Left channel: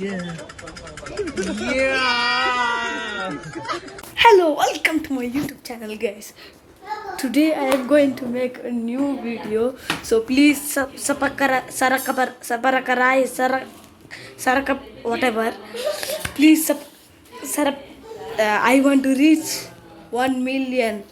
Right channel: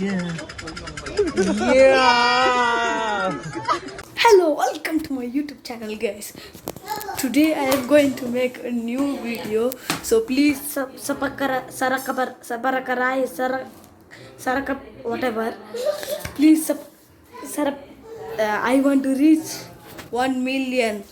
Hello, welcome to my YouTube channel, guys. Today I am going to make a new video, so please sub sapakara sarakabar sabarakarai sarak whatever. Please sub sarap. Uh, I want to reach one million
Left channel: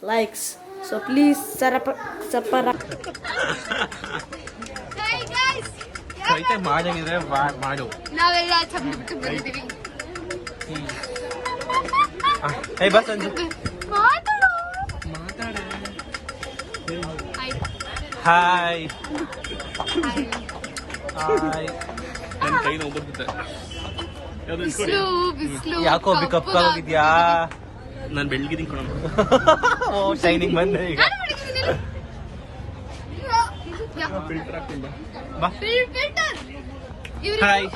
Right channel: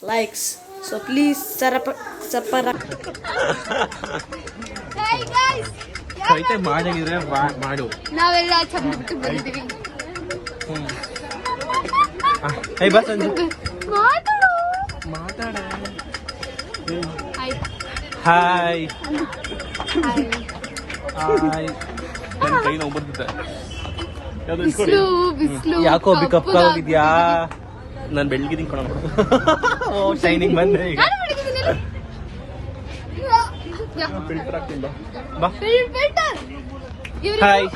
likes, so please sarap sapara. Hey guys! ಕವಿತೆ ಮಾಡಂಗಿದ್ರೆ ಮಾಡು. ನಾವೆಲ್ಲ ಚಂದ ಬಿಟ್ಟು ಬಂದಿದ್ದೀವಿ I ಬಾ Sanju. Hi hi ಯಾಕೋ ಬಿಕಪ್ ಆಗಿದ್ಯಾ ನಾನು ಬೆಳಗಿದ್ದೀನಿ ಕಣ. ಓ ಶೈನಿಂಗ್ ಬಂದ್ರೆ ಈಗ. ಫಿಲ್ಟರ್ ಹಾಕ್ತೀನಿ ಬಾ. ಬಾ. ಹಾಯ್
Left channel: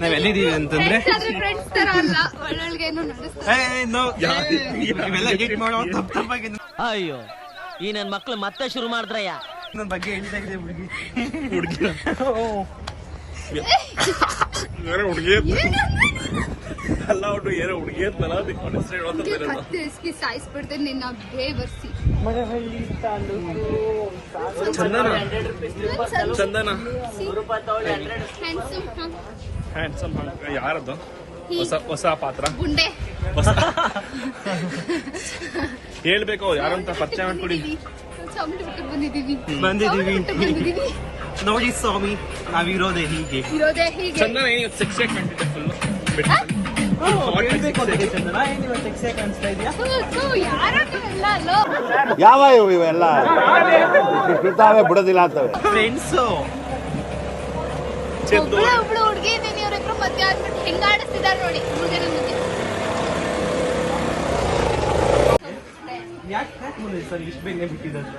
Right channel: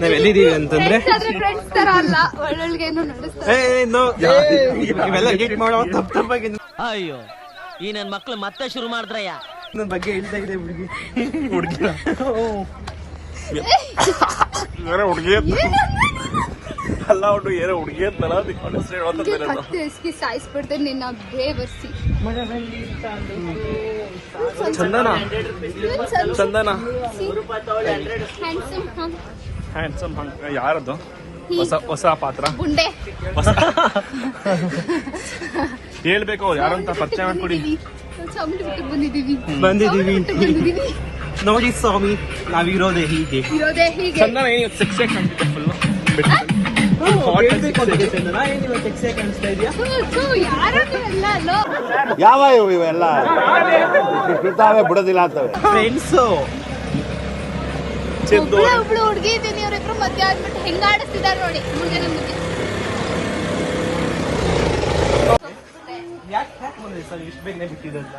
ನಾವ್ ಎಲ್ಲಿದ್ದೀವಿ ಅಂತಂದ್ರೆ? ಫ್ರೆಂಡ್ಸ್ ತರ ಅಲ್ಲ. ಒಳ್ಳೊಳ್ಗೇನು ನಡೆಸ್ತಾರೆ ಏ, ನೋ, ಇವೆಲ್ಲ ಎಡಿಟ್ ಮಾಡೋ ತಪ್ಪ ತಪ್ಪಾಗಿ ಅಯ್ಯೋ ಈ ನನ್ ಮಕ್ಳು ಮತ್ತೆ ಶುರು ಮಾಡಿದ್ರಯ್ಯ? ನನ್ನ ಬಗ್ಗೆ ಹೇಳಿದಾಗಿದೆ ಹುಡುಗಿ. ಹುಡುಗಿ ಹುಡುಗಿ ಅಲ್ಲ ಹುಡುಗಿ ಏನೋ ಹುಡುಗಿ ಅಂತಲ್ಲ ನಿನ್ನ ಸಾಯಿಸ್ಬಿಡ್ತಾರೆ ಬೇವರ್ಸಿ ಚಂದನ? ಚಂದನ? ಹ್ಯಾಂಡ್ಸಮ್ ಯಾರದ್ದು? ಯಾರದು ಹೊಸ ಹೊಸ ಪಾತ್ರ? ಗುಂಡೆ. ಹೇಳ್ಬೇಕು ಯಾರಂತ ಪರಿಚಯ ಮಾಡ್ಕೊಡಿ. ಬಂದಿದ್ದೀವಿ. ಬಂದಿದೀವಿ ಬಂದಿದ್ದೀವಿ. ನೋಡಿ ಸ್ವಾಮಿ ನಾವಿರೋದೇ ಹೀಗೆ. ಇರೋದೇ ಹೀಗೆ. ಚಂದನ ಏನು ಸಿಕ್ಸ್ ಕಾಣ್ತಿದ್ದೆ ಯಾವ ಇವು ಇವೆಲ್ಲ? ಬಿಡ್ತಾವೆ ಬಿಡೋದಿಲ್ಲ ಅಂತವೆ. ಫ್ರೆಂಡ್ಸು ಒಬ್ಳು ಹುಡುಗಿ ಇದ್ದೀನಿ ಅವರಿಬ್ರು ಮದ್ವೆ ಆದ್ಬಿಟ್ಟು ಹೆಂಗ ಆಡಿಸ್ತಿದ್ದಾರೆ ನೋಡಿ. ಮುಂದೆ ನನ್ನ ಮಧ್ಯೆ ಯಾಕೆ ಸರ್ ಇಷ್ಟು ಬೇಗ ಬಿಟ್ಟಿದೆ ಅಂತ?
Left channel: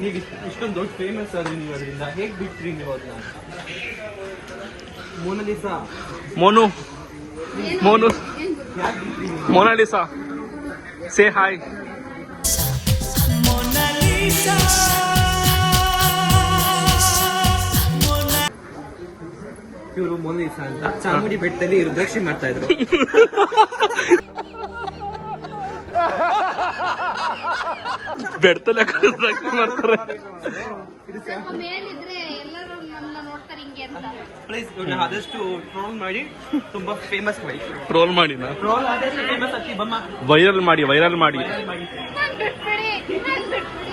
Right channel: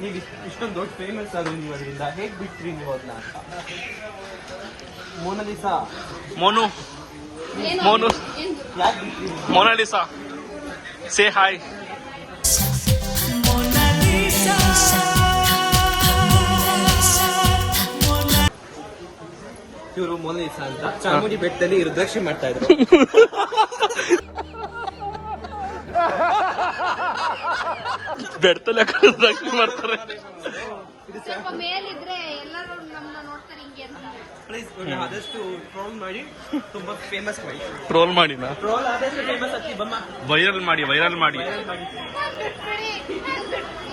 ಈಗ ಇಷ್ಟ್- ಇಷ್ಟೊಂದು ದೊಡ್ಡ ಫೇಮಸ್ ಆದ್ರೆ ನೀವು ಅದರಿಂದ ಹೇಗೆ ಬಿಟ್ರಿ ನೀವು ಅದನ್ನ ಅಂತ Mona Lisa? Monu? Monu. Mona Lisa. Say hi ಇವರು ಮೋನಲಿಸಾ ಅಂತ. ಚಾಮುಂಡಿ ಬೆಟ್ಟದಲ್ಲಿ ರುದ್ರಾಕ್ಷಿ ಮಾಡ್ತಾ ಇದ್ರು. ಬೆಡ್ತಲೆ ಮಾಡ್ತಾರೆ. ಹಿಂಗೆ ಅಂತ. ಪ್ಲೀಸ್ ಆದಷ್ಟು ಟ್ರೋಲ್ ಮಾಡಿ ತುಂಬಾ ಫೇಮಸ್ ಮಾಡಿ. ಟ್ರೋಲ್ ಮಾಡಿನ? ಟ್ರೋಲ್ ಆದಷ್ಟು ಫೇಮಸ್ ಆಗಿ ಬಮ್ಮ ವೈರಲ್ ಮಾಡಿ ವೈರಲ್ ಮಾಡಿ. ನಾನ್ ಬಿಟ್ಬಿಡಿ ನಾನ್ ಬಿಟ್ಬಿಡಿ.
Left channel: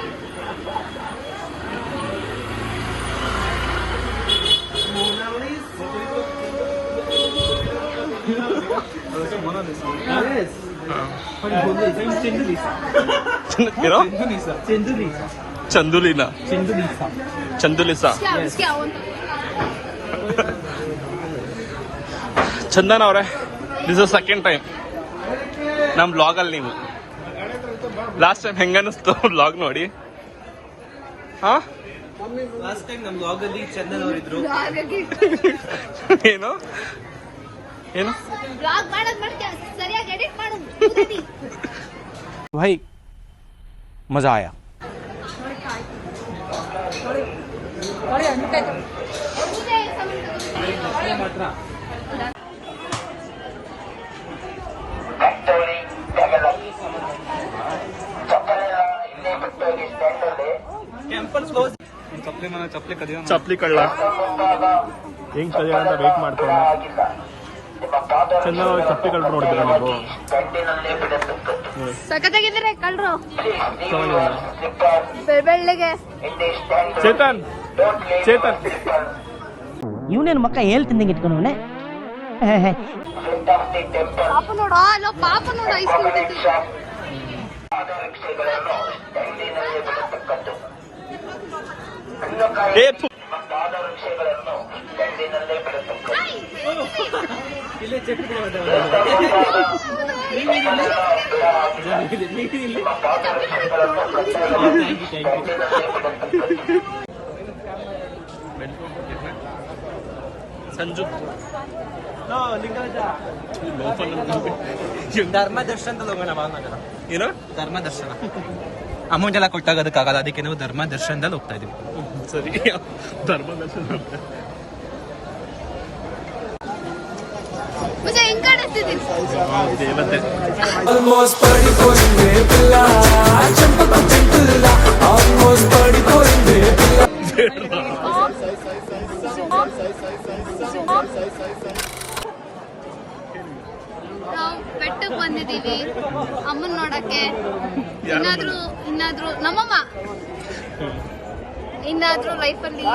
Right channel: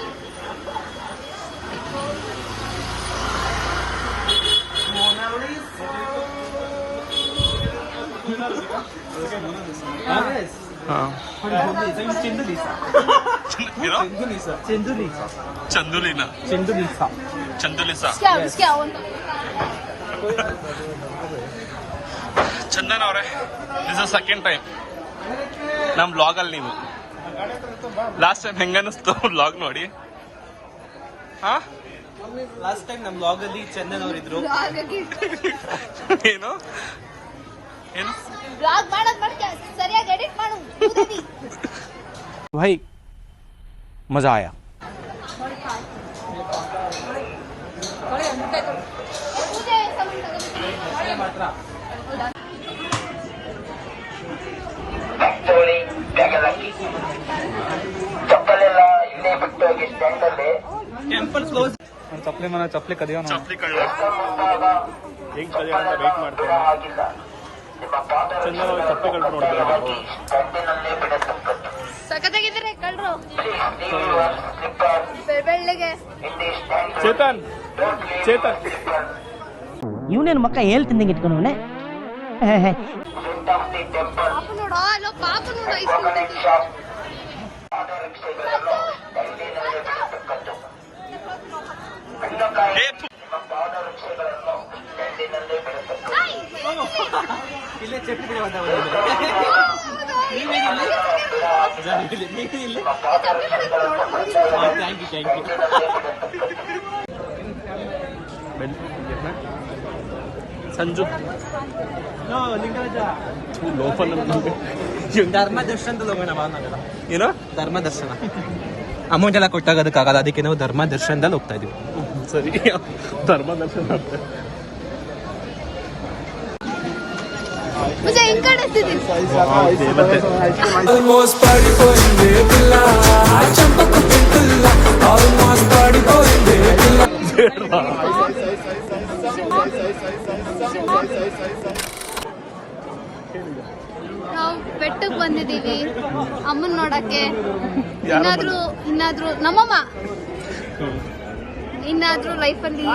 ಚಂದುಲಿನ? ಚಂದುಲಿಸ. ಚಂದನ್ ಅವರೇ ದಿಸ್ ಇಸ್ ಸೆಕೆಂಡ್ ಟೈಮ್ ನಮ್ಮ ಬ್ಲಾಗಲ್ಲಿ ನೀವು. ಲಾಸ್ಟ್ ಟೈಮ್ ಹೆಂಗ ಅನಿಸ್ತು ಬ್ಲಾಗ್ ನೋಡಿ? ಹಾ? ಲಾಸ್ಟ್ ಟೈಮ್ ನಮ್ಮ ಚಂದನ್ ಅವರಿದ್ರು. ಏನು? भाई मज़ा आया। चपली मैं चपली कदिया चपली कड़ला हिंग ನೋಡಿದ್ರೆ ಸಖತ್ತಾಗಿದ್ದೀರಾ ಕಳ್ರು ಬೆಳ್ಳಿಗೆ ಚೇತನ್ ಚೇತನ್. ಇವನೇನು ಮಕ್ಕ ಇಟ್ಕೊಂಡವನೆ ಪಾಪ ನೋಡು. ಐಸ್ಕೊಂಡಿದ್ದೆ. ಏ ಥು. ಇಲ್ಲೇ ಚಕ್ರಿ ಬಿಡ ನೀವೇ ಇಲ್ಲಿ ನೀವೇ ಇಲ್ಲಿ thank you thank you Sanju Lingaraja ಲೋಪಲ್ ಧರ್ಮ ದರ್ಶನದಲ್ಲಿ ಹೋಗೋಣ ಬಾ ನಾವೆಲ್ಲ ಏನೋ ಧರ್ಮ ದರ್ಶನ ಅಮೌಂಟ್ ಎಲ್ಲ ಕೊಟ್ಟಾಗೋದಕ್ಕಾಗಲ್ಲ ಅದಕ್ಕೆ ನಾವು ಧರ್ಮ ದರ್ಶನದಲ್ಲಿ ಹೋಗ್ತಾ ಇದೀವಿ ಸರಿ ಧರ್ಮ ದರ್ಶನ ಅಂತ ಮುಜ ಹೆಂಗ್ ಕಾಣಿಸ್ತಿದ್ದೀನಿ ಮತ್ತೆ ఆల్మోస్ట్ పడిపోయింది పిల్ల చెంపకు పింటుల్ల ఆల్మోస్ట్ పడిపోయింది పిల్ల ನಾವು ಬೆಟ್ಟಕ್ಕೆ ಬಂದಿದೀವಿ ಅಮ್ಮನ್ ನೋಡಕ್ಕೆ ಇನ್ನಾದ್ರೂ ಇನ್ನಾದ್ರೂ ನಮ್ಮಮ್ಮ ಇನ್ನಾದ್ರೂ ಲೈಫಲ್ಲಿ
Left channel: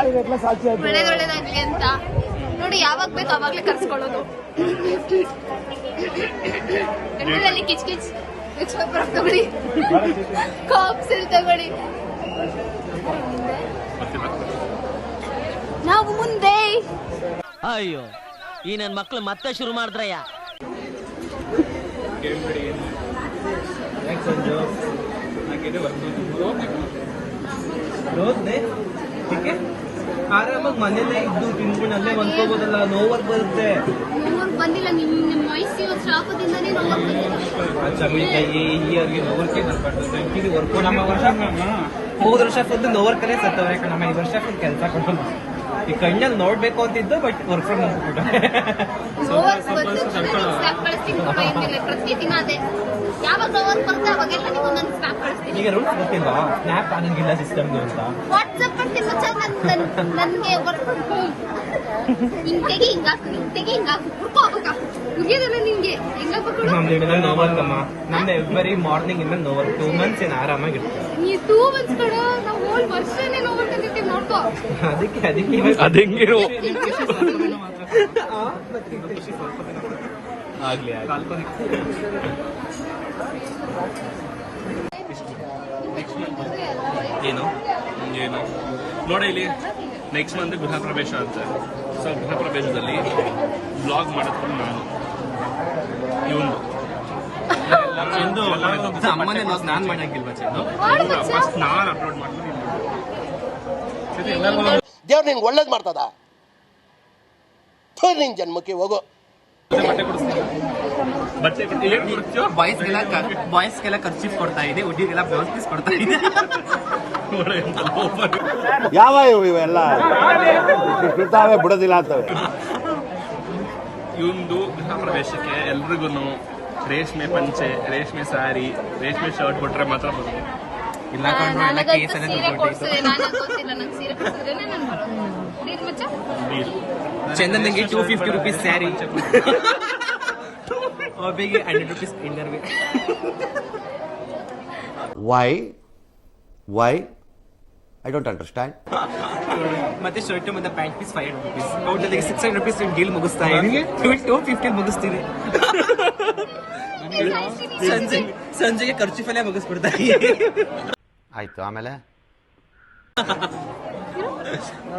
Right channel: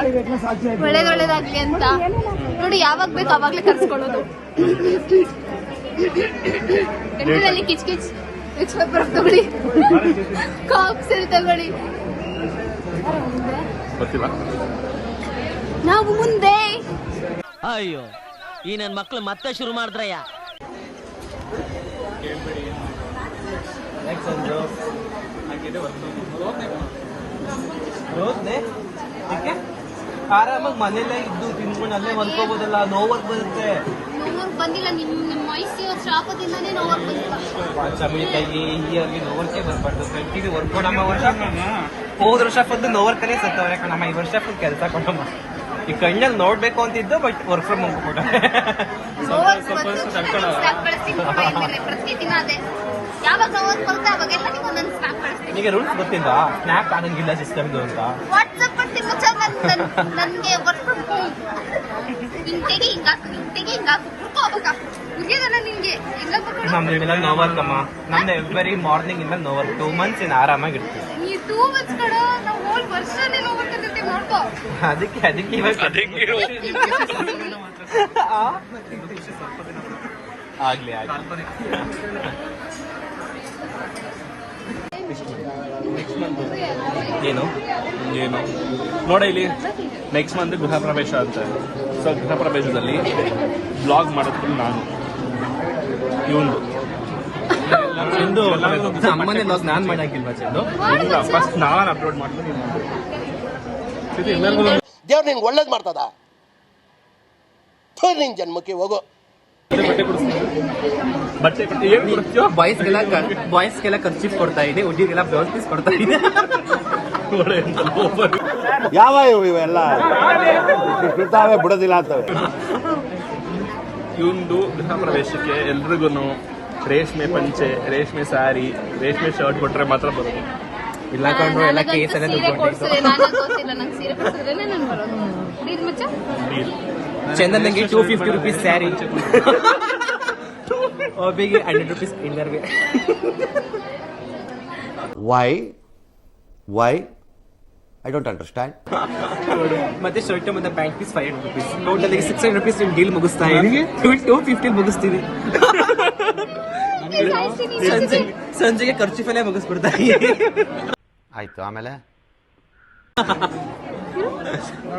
ಒಳ್ಳೇದ್ ಒಳ್ಳೇದಾಗ್ಲಿ ಅಂತ ನೋಡಿ ಯಾವಾಗ ಬೇಕು ಅವಾಗ್ಲೇ ಕರ್ಸ್ಕೊಳ್ಳೋದು. ಕಿಚ್ ಕಿಚ್. ಮಿಕ್ಸ್ ಪೇಪರ್ ತಗೊಳ್ಳಿ ಕಾಕ್ ಸರಿ ತಗೊಳ್ಳಿ. ಮುಂದೆ. ಗೊತ್ತಿಲ್ಲ. ನಾವು ಮುಂದೆ. ಅಯ್ಯೋ ಈ ನನ್ ಮಕ್ಳು ಮತ್ತೆ ಶುರು ಮಾಡಿದ್ರಯ್ಯ. ಆರಾಮಾಗಿ ಮನೆಯಲ್ಲೇ ಇದ್ದು ತಿನ್ಕೊಂಡು ಅಲ್ಲೇ ಮನ್ಕೋಬೋದಲ್ಲ ನೋವರ್ಕ್ ಬರುತ್ತೆ ಬಂದಿಲ್ಲ ನಿಮ್ ಮೈಸೂರು ಶಾಪದಿಂದನೇ ನೋವರ್ಕ್ ಬರ್ಬಾರ್ದು. ವರ್ಕ್ ನಮ್ಮ ವರ್ಷ ಹೋದ ವರ್ಷ ಬಂದು ನೋವರ್ ಕರೆ ಸತ್ತವ್ರೆ ಕಣಮ್ಮ. ಈ ವರ್ಷ ಕೆಲಸ ಕೊಡಲ್ಲ. ಈ ಕಣ್ಣಲ್ಲಿ ನೋಡ್ಬೇಕು ಅಂತಿದ್ದು ಬಟ್ ವರ್ಕ್ ಫ್ರಮ್ ಹೋಮ್ ಕೂಡ. ನೋವರ್ಕ್ ಬಂದು ಸ್ನಾಪ್ ಕಳಿಸ್ತೀನಿ ಕೊಡೋ ಇನ್ಮೇಲೆ ಪ್ರತಿದಿನ ಅದೇ. ಯಾವಾಗ ಒಂದು ಬರುತ್ತೆ ಅವಾಗೆಲ್ಲ ನೀವು ನನ್ನ ಸ್ನಾಪ್ ಕಳಿಸ್ತೀನಿ. ಈಗ ರೂಲ್ಸ್ ಗೊತ್ತಿಲ್ಲ ಸ್ನ್ಯಾಪ್ ಆಗಂಗಿಲ್ಲ ಸಿಸ್ಟಮ್ ಅಂತ ವಾಟ್ಸಪ್ ಮಾಡ್ತೀನಿ ಮಚ್ಚ ನನ್ ನನ್- ನನ್ಗೆ ವರ್ಕ್ ಫ್ರಮ್ ಹೋಮ್ ಹಿಂತೆಗೆ ಹಿಂಗಾಕು ಹಿಂತೆಗೆ ಹಿಂಗಾಕು ಹುಡ್ಕೋ ನಿಂಗೆ ನಮ್ದು ಎವ್ರಿ ಮಾರ್ನಿಂಗ್ ಇಂದ ನೋವರ್ ಟೂ ಮಂತ್ಸ್ ಏನು ಆರಾಮಾಗಿ ನೀ ಟೂ ಮಂತ್ಸ್ ಕಡ ನಾವು ಹೋಲ್ ವರ್ಷನೇ ನೋವರ್ಕ್ ಅಂದಿರ್ತೀವಿ ನೋಡ್ಕೋ. ಅದಕ್ಕೆ ಅದಕ್ಕೆ ಆಗ್ಲಿ ಆಗ್ಲಿ. ಏನು? ಏನು? ನೋಡ ಇಲ್ಲಿ ನೆಕ್ಸ್ಟ್ ಮಂತ್ ಗೃಹ ಪ್ರವೇಶ ಅಂತ. ಸೊ ಗೃಹ ಪ್ರವೇಶದಲ್ಲಿ ಬ್ಲಾಗ್ ಮಾಡೋದು ನಾನು. ಇವಂದು ಚಂದು ಅಮ್ಮನೇ ಲಾಗ್ ನಾನ್ ಮಾಡಾಕಿಲ್ವಾ ಚಂದು ಫಸ್ಟ್ ನಾನು ಅಪ್ಲೋಡ್ ಮಾಡ್ತೀನಿ. ದೇವ್ರು ನಿನ್ಗೆ ಒಳ್ಳೇದು ಮಾಡ್ತದ? ನಿನ್ ಜನ್ಮಕ್ಕೆ ಹೋಗೋ. ಬಾಯ್ಸ್ಗೆಲ್ಲ ಬಾಯ್ಸ್ಗೆಲ್ಲ ಖರ್ಚಿಸ್ ಕೊಡ್ತಾ ಇದೆ ಹುಡುಗಿಗೆಲ್ಲ ಬ್ಲೌಸ್ ಪೀಸ್ ಕೊಡ್ತಾ ಇದೆ. ಯಾವ ಇವು ಇವೆಲ್ಲ? ಬಿಡೋದಿಲ್ಲ ಅಂತವೆ ಇವಂದು ಪ್ರವೇಶಕ್ಕೆ ಎಲ್ರಿಗೂ ರೇಷ್ಮೆ ಪಂಚೆ ರೇಷ್ಮೆ ಸ್ಯಾರಿ ರೇಷ್ಮೆ ಶರ್ಟ್ ಕೊಟ್ರೆ ಮಾತ್ರ ಬರೋದು ಇಲ್ಲ ಕಂಡ್ರು ಎಲ್ಲ ನನಗಂತೂ ಕೇಸಲ್ಲೇ ಸೀರೆ ದುಡ್ಡು ಕೊಡ್ಸಿದೆ ನಾನೇ ಗೊತ್ತಿಲ್ಲ ನಂಗೆ ಸೀರೆ ಕೊಡ್ಸಿದ್ರೇನೆ ನಾನು ಬರೋದು ಪ್ಲೀಸ್ ಮಚ್ಚ? ಚಂದನ್ ನಂಗೆ two fifty rupees sari ಒಬ್ಬಿಗೆ hundred rupees inner why why I don't understand ಮತ್ತೆ ಶರ್ಟ್ ಮತ್ತೆ pant piece five hundred rupees total six hundred rupees deal ಮುಗಿಸ್ತಾ ಇದೀನಿ ಟೂ ಟೂ ಫಿಫ್ಟಿ ಮುಗಿಸ್ತೀವಿ. ಸಂಜೆಗೆ ಖರ್ಚು ಫಲೇ ಮುಗಿಸ್ಬಿಡ್ತಾ ಆಯ್ತು ಆಮೇಲೆ?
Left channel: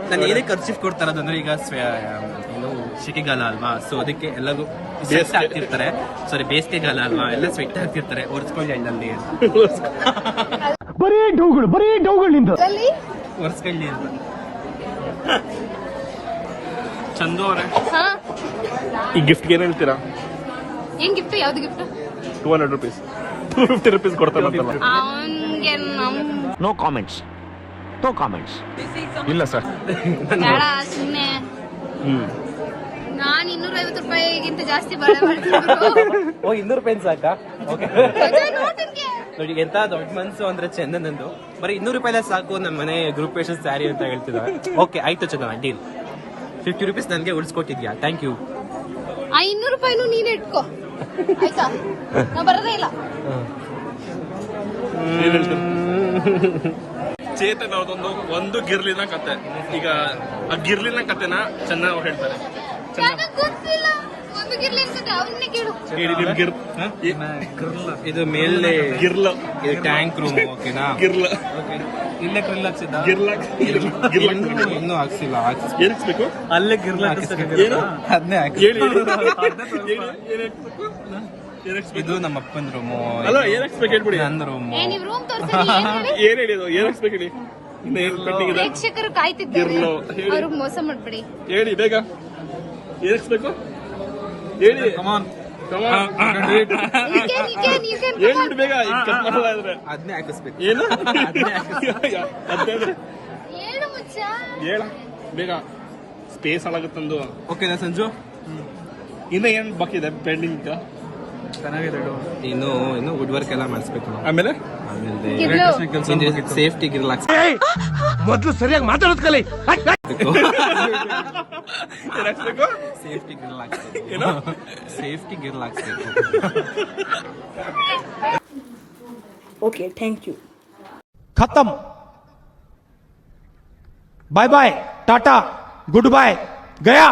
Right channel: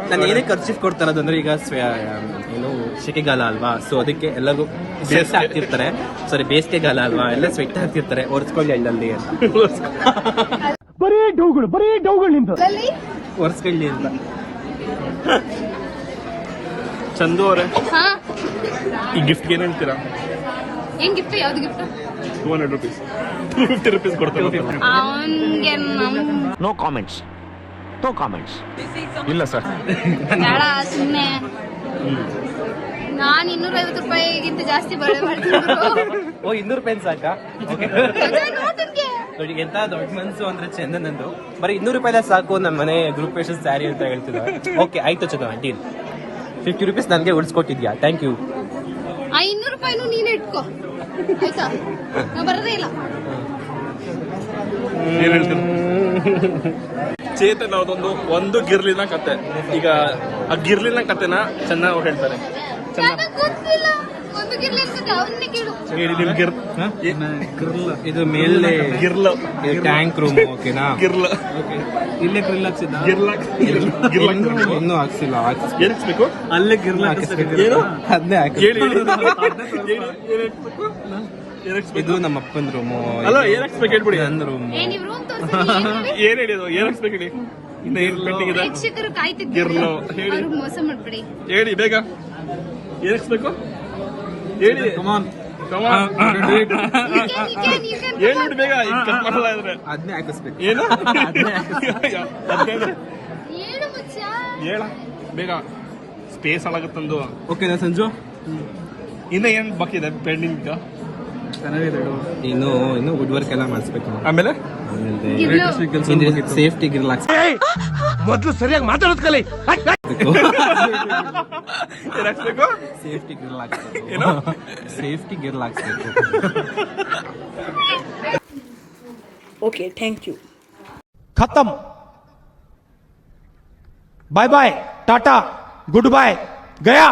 ನಾನು ಏನೇ ಕೊಡ್ತಾರೆ ಅದಂದ್ರೆ ಈಗ ಏನು ಸೆಕೆಗಾಲ ಅಲ್ವಾ? ಸೊ ಅದಕ್ಕೆ ಎಲ್ಲರೂ ಸ್ವೆಟ್ ಹಾಕ್ತಿರ್ತಾರೆ. ಸಾರಿ ಬೇಸಿಗೆಗಾಲ ಅಲ್ವಾ? ಎಲ್ಲ ಸ್ವೆಟ್ ಹಾಕ್ತಿರ್ತಾರೆ. ಒರೆಸ್ಕೊಳ್ಳಿ ಎಳ್ಳಲ್ಲಿ ಅಂತ. ಒರೆಸ್ಕೊಳ್ಳಿ ಅಂತ. ಚಂದು ಅವರೇ. ಹಾ. ಈ ಗಿಫ್ಟ್ಗೆ ಏನು ಹೇಳ್ತೀರಾ? ಏನ್ ಗಿಫ್ಟ್ ಯಾವ್ದು gift two hundred rupees two fifty rupees ಅವನ್ಗೆ ನಮ್ ನೋ ಕಾಮೆಂಟ್ಸ್ ನೋ ಕಾಮೆಂಟ್ಸ್ ಇಲ್ಲ ಸರ್. ಬೇಡ ಸುಮ್ಮನೆ ನಾನ್ ಇನ್ನೂರೈವತ್ತು ರೂಪಾಯಿಗಿಂತ ಜಾಸ್ತಿ ಬಳೆ ಮಾಡ್ತೀನಿ ಗುರು. ಓ ಇನ್ನೂರು ರೂಪಾಯಿ ಸಾಕಾ? ನೋಡ್ತೀನಿ. ನೋಡಿ ಎಂತ ದೊಡ್ಡ ಮನ್ಸು ಅಂದ್ರೆ ಚಂದನಂದು. ಬರೀ ಇನ್ನೂರು ರೂಪಾಯಿ ಸಾಕು ನಮ್ಮ ಮನೆ ಗ್ರೂಪ್ ಪೇಸಸ್ ಸ್ಯಾರಿ ಅಂತ ಹೇಳ್ತಿದ್ದಾರೆ. ಓಕೆ ಆಯ್ತು ಚಂದನ ಡೀಲ್ ಫಿಫ್ಟಿ ರುಪೀಸ್ ನನಗೆ ಉಳಿಸ್ಕೊಟ್ಟಿದ್ಯಾ? ಥ್ಯಾಂಕ್ ಯು ಆ ಇನ್ನೂರು ರೂಪಾಯಿನೂ ನೀನ್ ಇಟ್ಕೋ. ಆಯ್ತಾ? ನಾ ಬರೋದೇ ಇಲ್ಲ. ಚೇತನ್ ಅದೊಂದು ಒಂದು ಗಿರ್ಲಿನ ಕತೆ. ಈಗ ಆ ಗಿರ್ಲಿನ ಕತೆನ ಚೆನ್ನಾಗಿ ಅವ್ರು ಹೇಳ್ತಾರೆ. ನನಗ್ ಇದು ಮೇಲೆ ಟ್ಯಾಂಕ್ ರೂಮ್ ಓಕೆನಾ ಇನ್ನೂ ಹಾಕ್ಸಿಲ್ಲ ಅಲ್ಲೇ ಗಿರ್ಲ ಅದನ್ನೇ ಹಾಕಿ ಇದು ನಮ್ಮ ಅಪ್ಪನ ರೂಮು. ನನ್ನ ರೂಮು ಏನ್ ಹೇಳಿದ್ರು ಪ್ರೇಕ್ಷಕರು ಕಾಯ್ತಿದ್ದಾರೆ ಮೋಸ ಮಾಡ್ಬೇಡಿ ಹೇಳಿ ಬೇಗ. ಏರಿಸ್ಬೇಕು ಬೇಗ ಅದನ್ನೇ ಏನು ಬೇಗ ಸ್ಪೇಸ್ ಒಳಗೆ ತಂದು ಓಕೆನಾ ಸಂಜು ಇನ್ನು ಏನು ಬಾಕಿದೆ ಪೆಂಡಿಂಗ್ ಇನ್ನು ಇನ್ನು ವುಡ್ ವರ್ಕ್ ಎಲ್ಲ ಮಾಡಿಸ್ಬೇಕು ಆಮೇಲೆ? ಸೇಫ್ಟಿ ರಿಲ್ಯಾಕ್ಸ್ ಮೊದಲು ಸರಿಯಾಗಿ ಮಾತಾಡೋದು ಕಲಿ. ಸೇಫ್ಟಿ ಗಿರ್ಲ್ ಹಾಕ್ಸ್ಬೇಕು. ಸೇಫ್ಟಿ ಗಿರ್ಲ್ ಹಾಕ್ಸ್ಬೇಕು. Okay thank you ಖತಮ್. Bye bye tata good bye Gaya